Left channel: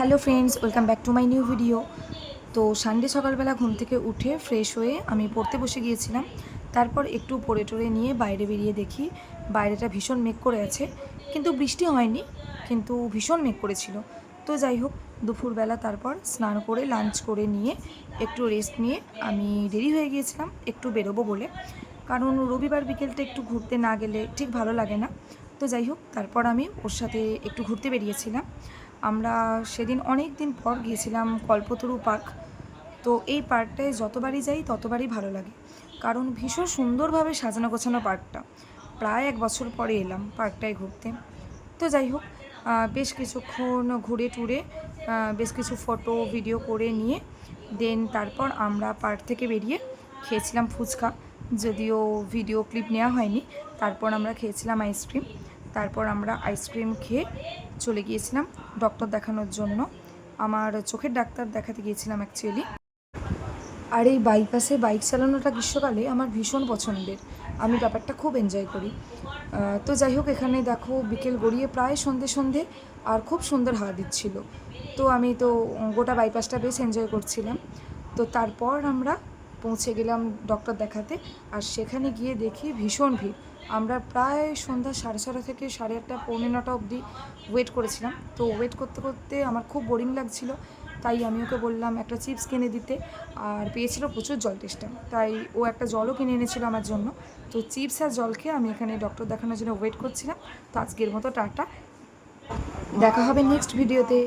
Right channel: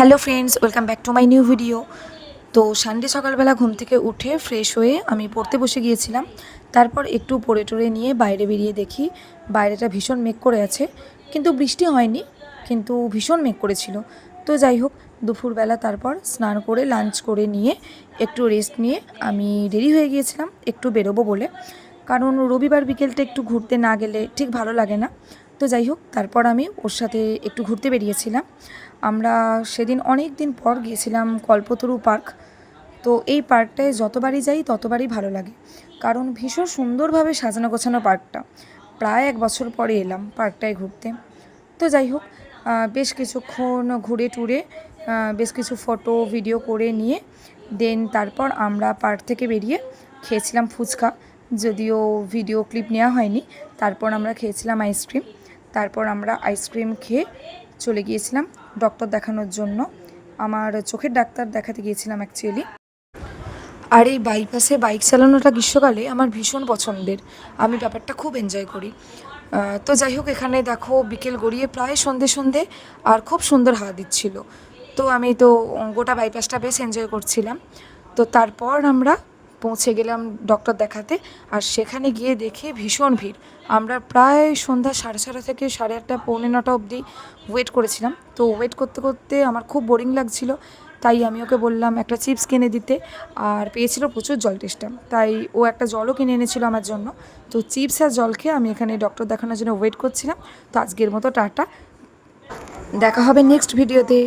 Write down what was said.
Hello friends, welcome back to my new video. তো Sunday সকালবেলা ঘুম থেকে উঠে ফ্রেশ হয়ে আমি পড়তে বসে গিয়েছিলাম। তারপর একটু পড়ে টরে নিয়ে বাইরে বেরিয়ে দেখি বাইরেটা ভীষণ মেঘ করে আছে, কিন্তু বৃষ্টি হয়নি, কিন্তু ভীষণ মেঘ করেছিল। তো যাই হোক, দুপুরবেলা তারপর স্নান করে লাঞ্চ করে নিয়ে একটু রেস্ট নিয়ে আমি রেডি হয়ে গিয়েছিলাম একটু বেরোবো বলে, কারণ রবিবার বিকেলটা একটু ঘুরতে না গেলে ঠিক ভালো লাগে না। তো যাই হোক, তারপর আমি ওর সাথে একটু ঘুরতে বেরিয়েছিলাম। আমরা সেদিন অনেক দিন পর গিয়েছিলাম কল্পতরু পার্ক। তো এই পার্কটায় যতবারই যাই ততবারই ভালো লাগে, কারণ ভীষণ সুন্দরভাবে সাজানো গোছানো পার্কটা। প্রায় 1 বছর পরে এলাম পার্কটায় ঘুরতে। তো যাই হোক, বেশ কিছুক্ষণ ঘুরে টুরে বেশ কিছু ফটো ভিডিও করে নিয়ে দেন তারপর আমরা পার্ক থেকে বেরিয়ে খেয়েছিলাম ফুচকা, যদিও ভিডিও ক্লিপ নেওয়া হয়নি। তারপর আমরা খেয়েছিলাম আইসক্রিম। তারপর আমরা আইসক্রিম খেয়ে চলে গিয়েছিলাম ডক্টর দেখানোর জন্য। আমার চোখের ডাক্তার দেখাতে গিয়েছিলাম অ্যাকচুয়ালি। আর এই বাইপাসে বাইক চালানোটা গ্রীষ্মকালে আমার ভীষণ পছন্দের, আমি ব্যাপারটা খুব এনজয় করি। তো যাই হোক, এখানে দেখো বিকেল গড়িয়ে প্রায় সন্ধে সন্ধে, আর খুব সুন্দর হাওয়া দিচ্ছিল। তো আমি তো গোটা বাইপাসটা বেশ এনজয় করছিলাম। তো তারপর আমরা পৌঁছে গেলাম ডক্টর দেখাতে, আর সেখানে গিয়ে দেখি ভীষণ ভিড়। আমরা প্রায় সন্ধ্যা 7:30 থেকে 8:30 পৌনে 9টা অবধি ওয়েট করেছিলাম। তো ওয়েট করতে করতে আমার খুব বোরিং লাগছিল, তাই আমি ওকে বললাম একটা চিপস কিনে দিতে। আর পেয়েছিল প্রচুর জল টেস্টা, তাই ও একটা জলও কিনে এনেছিল আমার জন্য। তো চিপস আর জল খেয়ে আমি এখানে ডক্টর দেখানোর জন্য ওয়েট করছিলাম। তো আজকের মতো টাটা, দেখা হবে নেক্সট ভিডিওতে।